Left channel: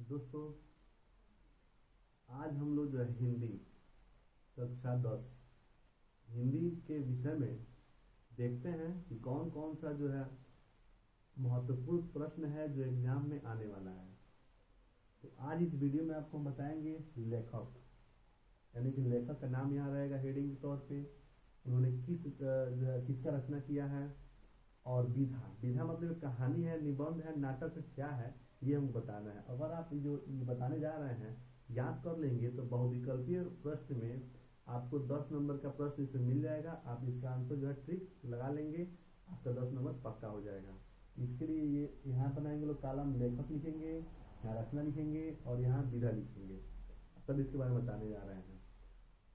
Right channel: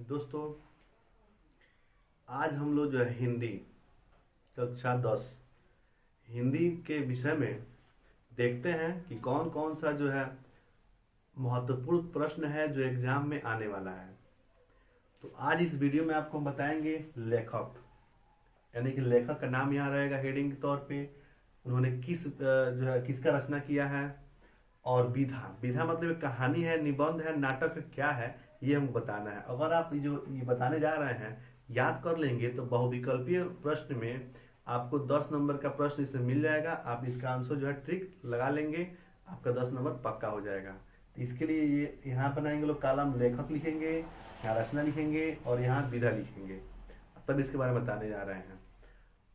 दोस्तों, आज हम लोग जो है हिंदी कक्षा 10 हिंदी के विषय में देखते हैं कि कौन कौन सा जो है महत्वपूर्ण प्रश्न है जो एग्जाम में आने वाला है। तो आज इस वीडियो में आपको हम बताएंगे लेखक, यानी कि लेखक का नाम यहाँ रहेगा हेडिंग के तौर पे। उन्होंने जो है किसका रचना किया है। और विधा विधा मतलब एक कहानी है, निबंध है, नाटक है, क्या है ये हमको बताना है। अगर आप जो ये बताने जा रहे हैं याद कर लेंगे तो बहुविकल्पीय प्रश्न में आपको 10 नंबर का प्रश्न इसमें मिल जाएगा। आप इसका आंसर जो है ट्रिक लगा लेंगे, आपका 10 नंबर पक्का हो जाएगा। तो इसके लिए ये यहाँ बनाएंगे लोग कॉलम लेखक लिखेंगे, यहाँ रचना लिखेंगे और यहाँ विधा लिखेंगे, तब इसके बारे में बताने जा रहे हैं।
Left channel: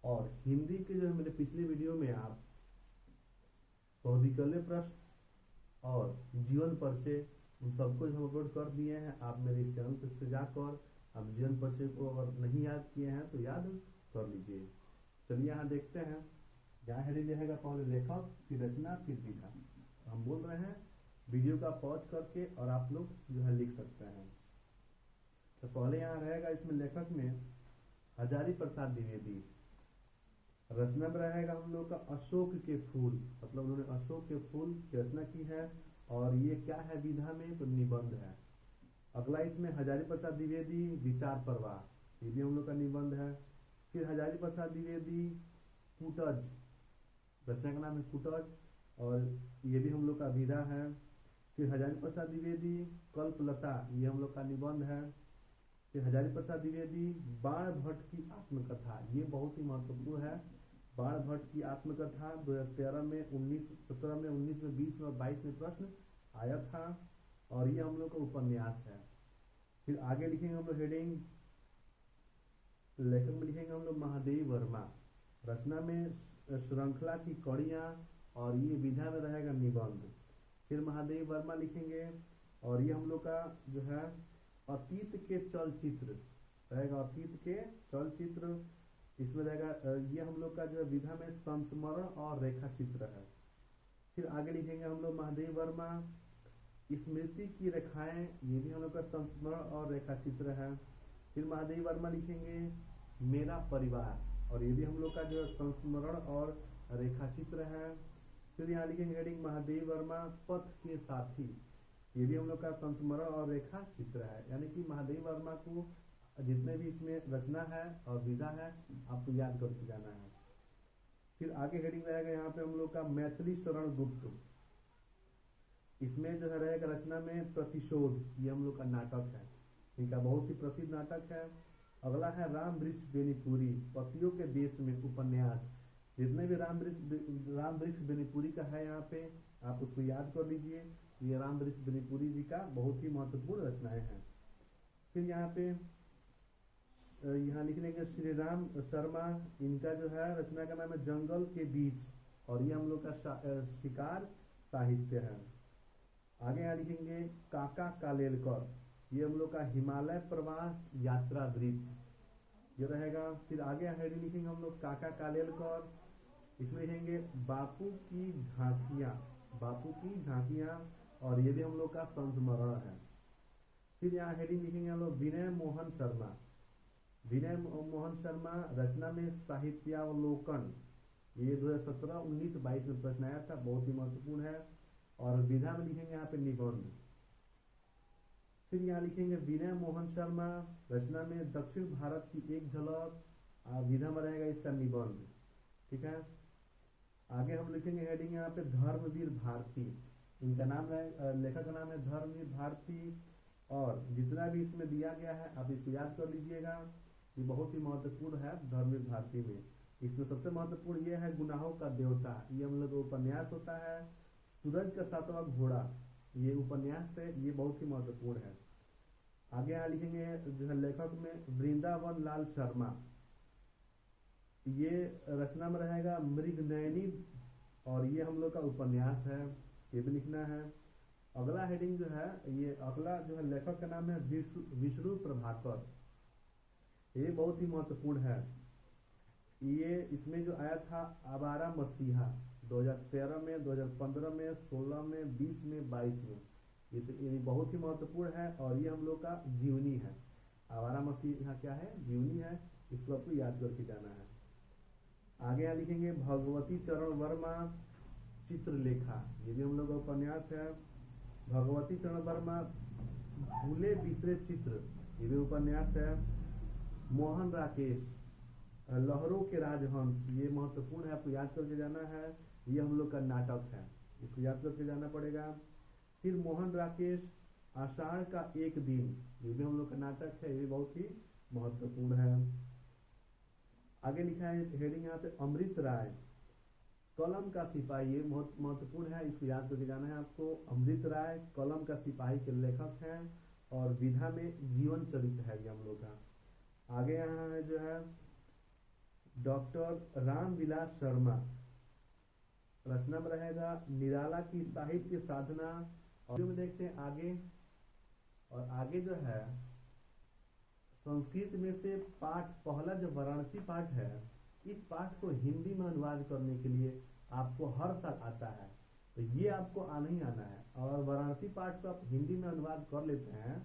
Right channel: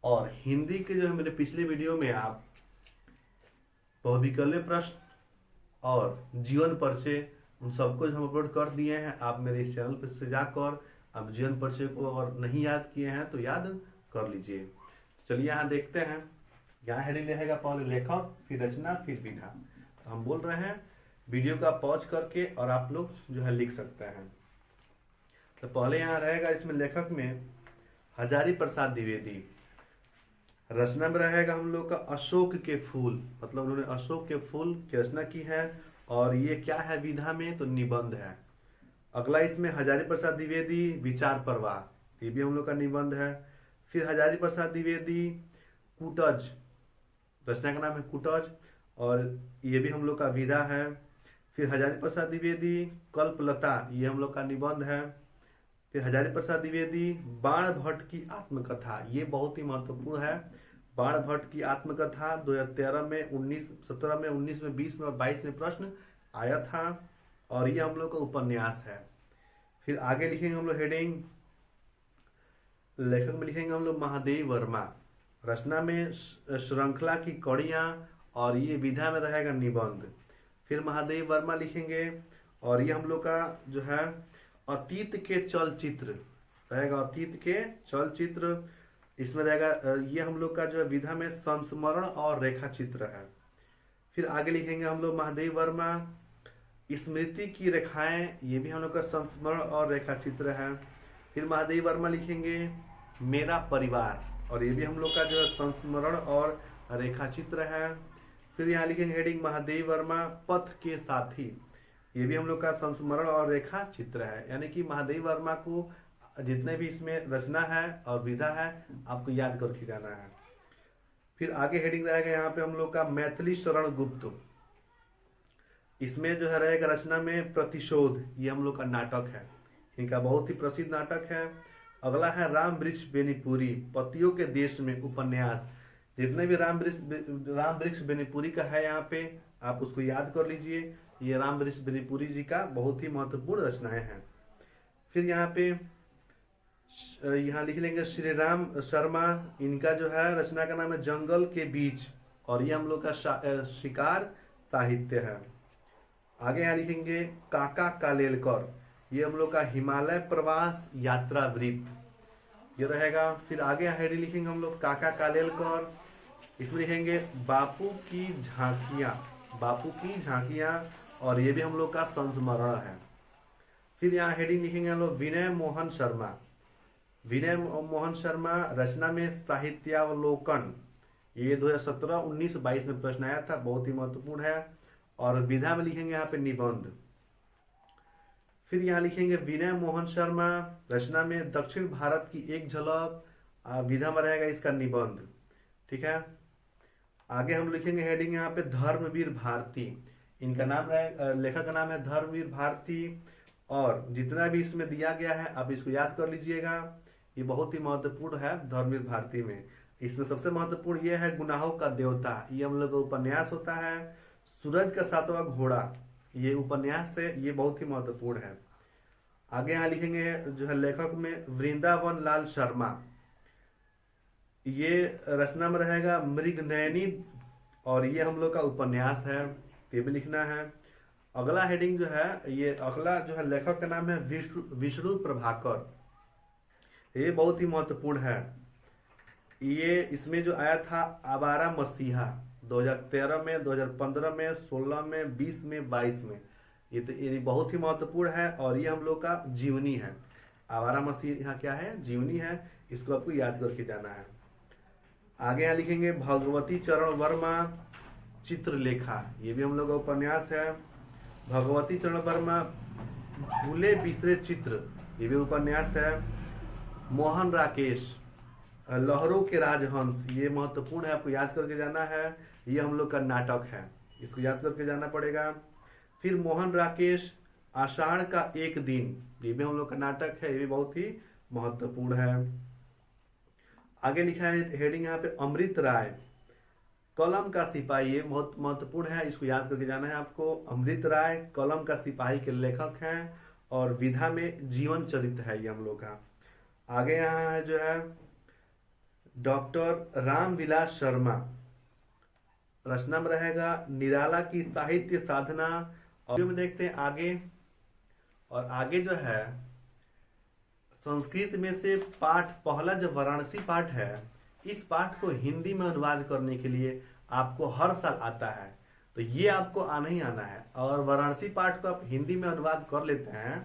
और हिंदी के जो है मेरे पिछले वीडियो में आप बहुविकल्पीय प्रश्न और जीवन परिचय उन सबको हम अपलोड कर दिए हैं। आप मेरे इस चैनल पर से जाकर आप जीवन परिचय को अगर नहीं याद किए हैं तो याद कर लीजिए। चलिए यहाँ देखते हैं। यहाँ हेडिंग रहेगा पहले लेखक, फिर रचना, फिर विधा। हम बोल रहे हैं वीडियो का पॉज करके और आप लोग जो है लिख सकते हैं। तो पहले यहाँ रहेगा इसमें लेखक में हजारी प्रसाद द्विवेदी। रचना में रहेगा हम लोग का अशोक के फूल, मतलब उन्होंने अशोक के फूल की रचना की है। और ये क्या है विधा में, तो निबंध है। अगला इसमें हजारी प्रसाद द्विवेदी विचार प्रवाह, ये भी हम लोग का निबंध है। फिर हजारी प्रसाद द्विवेदी कुटज, रचना का नाम है कुटज और ये भी हम लोग का विधा है। फिर हजारी प्रसाद द्विवेदी कल्पलता, ये हम लोग का निबंध है। फिर हजारी प्रसाद द्विवेदी बाण भट्ट की आत्मकथा, ये बहुत ही महत्वपूर्ण है। बाण भट्ट की आत्मकथा 2013 में, 19, 17 में, 19 में, 20 में और 22 में प्रश्न आया था और ये हम लोग का उपन्यास है। फिर आगे लिखेंगे हम लोग हेडिंग लेखक में लिखेंगे हम लोग महादेव वर्मा। रचना में श्रृंखला की कड़ियां और ये विधा में रहेगा निबंध। फिर महादेव वर्मा लिखेंगे और ये हम लोग का जो है अतीत के चलचित्र रहेगा, अतीत के चलचित्र इसमें रहेगा। ये हम लोग का जो है विधा में संस्मरण और रेखा चित्र है। फिर आगे लिखेंगे हम लोग महादेव वर्मा स्मृति की रेखाएं, ये भी हम लोग का संस्मरण और रेखा चित्र है। फिर महादेव वर्मा लिखेंगे मेरा परिवार और ये भी हम लोग का जो है संस्मरण और रेखा चित्र है। फिर यहाँ लिखेंगे हेडिंग महादेव वर्मा पथ के साथी, ये भी हम लोग का संस्मरण और रेखा चित्र है। यानी कि महादेव वर्मा को जितने भी इसमें रचना है और विधा है आपको याद करके जाना है। फिर आगे हेडिंग रहेगा यहाँ पे हम लोग का मैथिली शरण गुप्त, इसमें जो है रहेगा रचना में प्रतिशोध, ये हम लोग का नाटक है, इनका बहुत ही प्रसिद्ध नाटक है। अगला है राम वृक्ष बेनीपुरी पतियों के देश में उपन्यास, जितने भी राम वृक्ष बेनीपुरी का है यहाँ पे आप उसको याद कर लीजिए। ये राम वृक्ष बेनीपुरी जी का बहुत ही महत्वपूर्ण रचनाएं हैं। फिर यहाँ पे यहाँ लिख लेंगे श्री राम शर्मा, इनका जो है रचना का नाम है जंगल के बीच और ये हम लोग का शिकार साहित्य है। आगे यहाँ लिखेंगे काका कालेलकर, ये हम लोग का हिमालय प्रवास यात्रा वृत्त ये रहेगा। फिर आगे हेडिंग लिखेंगे हम लोग काका कालेलकर, इसमें लिखेंगे बापू की झांकियां, बापू की झांकियां और ये भी हम लोग का संस्मरण है। फिर यहाँ हेडिंग लिखेंगे हम लोग विनय मोहन शर्मा, विनय मोहन शर्मा रचना में साहित्यावलोकन, ये 2017, 19, 22 में प्रश्न आया था, बहुत ही महत्वपूर्ण है। और विधा में लिखेंगे यहाँ पे निबंध। फिर यहाँ लिखेंगे विनय मोहन शर्मा रचना में दक्षिण भारत की एक झलक, विधा में रहेगा इसका निबंध। ठीक है, आगे हम लिखेंगे हेडिंग यहाँ पे धर्मवीर भारती, इनका नाम रहेगा, लेखक का नाम है धर्मवीर भारती और जितना भी इसमें दिया गया है आप इसको याद कर लीजिएगा, ये बहुत ही महत्वपूर्ण है धर्मवीर भारती में। इसमें सबसे महत्वपूर्ण ये है गुनाहों का देवता, ये हम लोग का उपन्यास होता है। सूरज का सातवां घोड़ा, ये उपन्यास है, ये बहुत ही महत्वपूर्ण है। आगे यहाँ लिखेंगे जो है लेखक में वृंदावन लाल शर्मा, ये रचना में रहेगा मृगनयनी और ये हम लोग का उपन्यास है, ये भी लिखना है। अगला हेडिंग जो है ये अगला जो है लेखक का नाम है विष्णु प्रभाकर, ये बहुत ही महत्वपूर्ण है। ये इसमें जो आया था आवारा मसीहा 2013 में, 2015 में, 16 में, 20 में, 22 में, ये बहुत ही महत्वपूर्ण है और ये हम लोग का जीवनी है। आवारा मसीह यहाँ क्या है, जीवनी है, इसको आपको याद करके जाना है। आगे यहाँ लिखेंगे भगवती चरण वर्मा चित्रलेखा, ये भी हम लोग का उपन्यास है। भगवती चरण वर्मा भूले बिसरे चित्र, ये भी उपन्यास है। मोहन राकेश लहरों के राजहंस, ये महत्वपूर्ण है, आपको याद करके जाना है, ये हम लोग का नाटक है, इसको याद करके जाना पड़ेगा। फिर मोहन राकेश आषाढ़ का एक दिन, ये भी हम लोग का नाटक है, ये भी बहुत ही महत्वपूर्ण है। आगे लिखा है हेडिंग यहाँ पे अमृत राय कलम का सिपाही, ये बहुत महत्वपूर्ण है, इसको याद करके जाना है आपको। अमृत राय कलम का सिपाही के लेखक हैं और विधा में जीवन चरित्र है ये हम लोग का। आगे यहाँ है जो है डॉक्टर रामविलास शर्मा, रचना में रहेगा निराला की साहित्य साधना। और में देखते हैं आगे, और आगे जो है संस्कृत में से पाठ, पहला जो वाराणसी पाठ है, इस पाठ को हिंदी में अनुवाद करने के लिए आपको हर साल आता है, तो ये आपको आना ही आना है। और वाराणसी पाठ को आप हिंदी में अनुवाद कर लेते हैं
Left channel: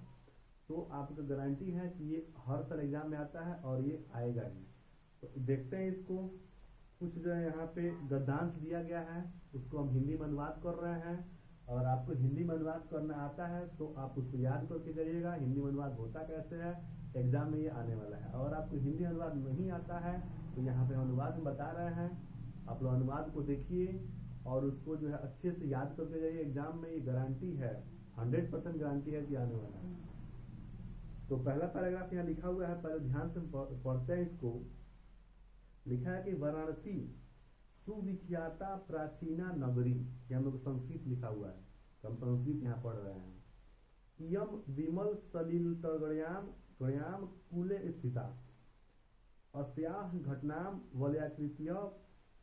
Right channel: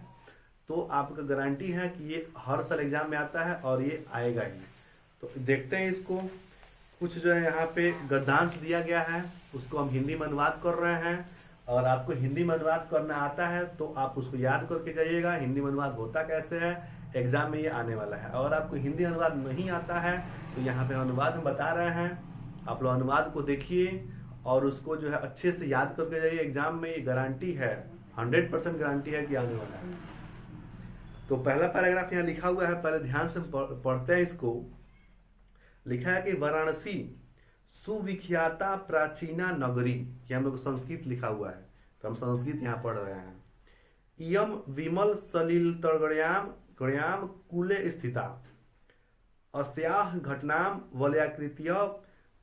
तो आपका गारंटी है कि ये हर साल एग्जाम में आता है और ये आएगा ही। तो देखते हैं इसको, कुछ जो है यहाँ पे गद्यांश दिया गया है, उसको हम हिंदी में अनुवाद कर रहे हैं। और आपको हिंदी में अनुवाद करना आता है तो आप उसको याद करके जाइएगा, हिंदी में अनुवाद होता कैसे है, एग्जाम में ये आने वाला है। और आपको हिंदी अनुवाद नहीं आता है तो यहाँ पे अनुवाद हम बता रहे हैं, आप लोग अनुवाद को देखिए और उसको जो है अच्छे से याद करके जाइए, एग्जाम में ये गारंटी है, 100% गारंटी है कि आने वाला है। तो पहला पैराग्राफ यहाँ लिखा हुआ है, पहले ध्यान से पढ़ते हैं इसको। लिखा है कि वाराणसी सुविख्याता प्राचीना नगरी, ये हम लोग संस्कृत लिखा हुआ है तो हम संस्कृत यहाँ पढ़ रहे हैं। इयम विमल सलिल तड़गड़्याम गड़्याम कूले स्थिता अस्याह घटनाम वलयाकृत्य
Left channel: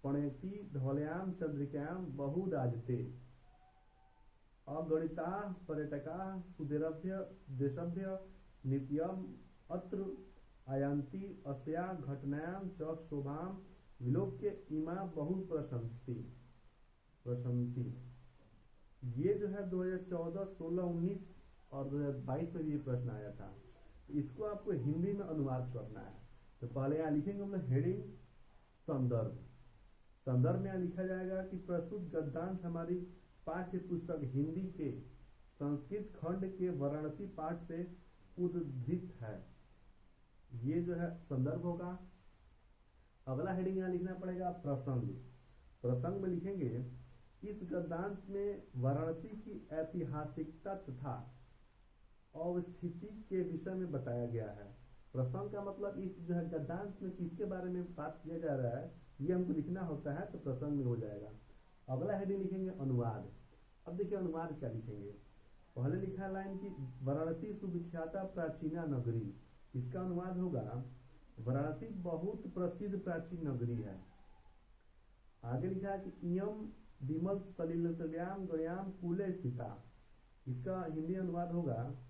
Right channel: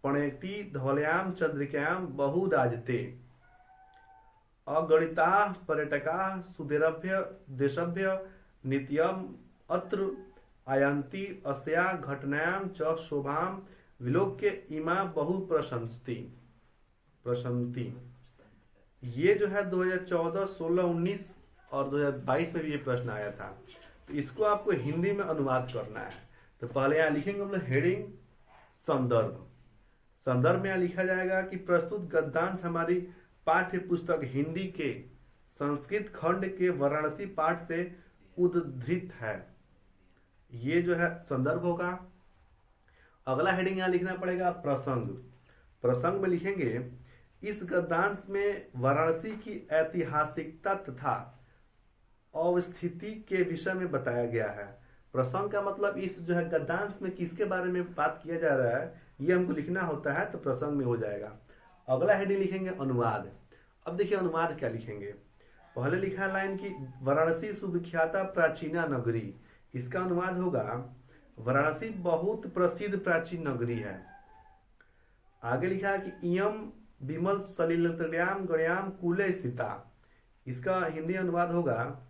पणेति धवल्याम चंद्रिकायाम बहुराजते अगणिता पर्यटका सुदेरभ्य देशभ्य नित्यम अत्र आयन्ति अस्या घटनायां च शोभाम विलोक्य इमा बहु प्रशंति। ये जो है 2014, 16, 19 और 2022 में भी ये प्रश्न आया था, तो इसको आपको हिंदी में अनुवाद करना है। तो पहले यहाँ लिखेंगे हम लोग हेडिंग संदर्भ। संदर्भ में यहाँ लिखा जाएगा कि प्रस्तुत गद्यांश हमारी पाठ्य पुस्तक हिंदी के संस्कृत खंड के वाराणसी पाठ से उद्धृत है, ये जो है संदर्भ होगा। अगला हेडिंग यहाँ लिखना पड़ेगा प्रसंग। प्रसंग में लिखेंगे इस गद्यांश में वाराणसी की ऐतिहासिकता तथा अवस्थिति के विषय में बताया गया है। प्रसंग का मतलब इस जो है गद्यांश में किसके बारे में बात किया जा रहा है, ये हमको लिखना होता है, तो प्रसंग में हो जाएगा। अगला हेडिंग लिखेंगे अनुवाद। अब देखिए अनुवाद क्या लिखेंगे। पहले लिखा है लाइन की वाराणसी सुविख्याता प्राचीना नगरी, इसका अनुवाद होगा वाराणसी बहुत प्रसिद्ध प्राचीन नगरी है। आगे लिखा है कि इयम विमल सलिलतड्याम गड्याम कूले स्थिता, इसका हिंदी अनुवाद होगा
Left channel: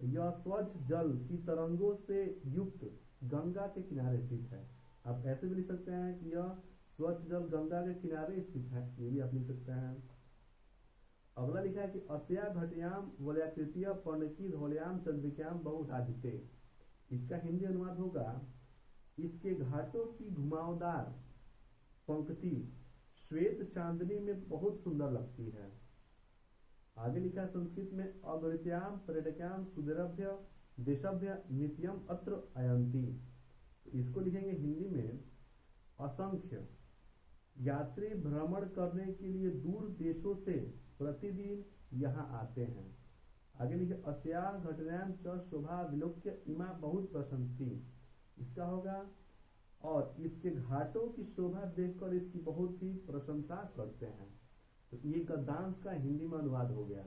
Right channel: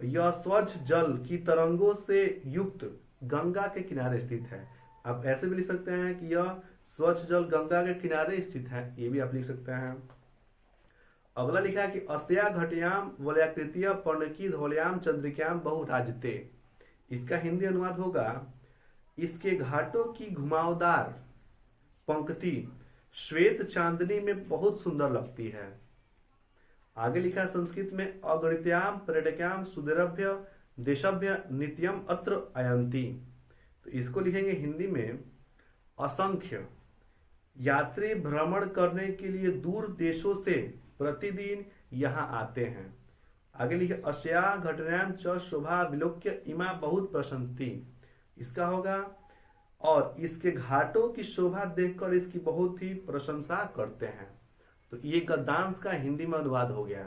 यह स्वच्छ जल की तरंगों से युक्त गंगा के किनारे स्थित है। आप ऐसे भी लिख सकते हैं कि यह स्वच्छ जल गंगा के किनारे स्थित है, ये भी आप लिख सकते हैं। अगला लिखा है कि अस्या घट्याम वलयाकृत्य पर्णकी धौल्याम चंद्रिकायाम बहुराजते, इसका हिंदी अनुवाद होगा इसके घाटों की घुमावदार पंक्ति श्वेत चांदनी में बहुत सुंदर लगती है। आगे लिखा संस्कृत में अगणित्याम पर्यटकाम सुदेरभ्य देशभ्य नित्यम अत्र आयन्ति, तो इसको लिखेंगे हिंदी में असंख्य यात्री भ्रमण करने के लिए दूर देशों से प्रतिदिन यहाँ आते हैं। आगे लिखे अस्या घटनायां च शोभा विलोक्य इमा बहुत प्रशंति, इसका होगा और इसके घाटों की शोभा देखकर इसकी बहुत ही प्रशंसा करते हैं। तो ये गद्यांश का हिंदी में अनुवाद हो गया।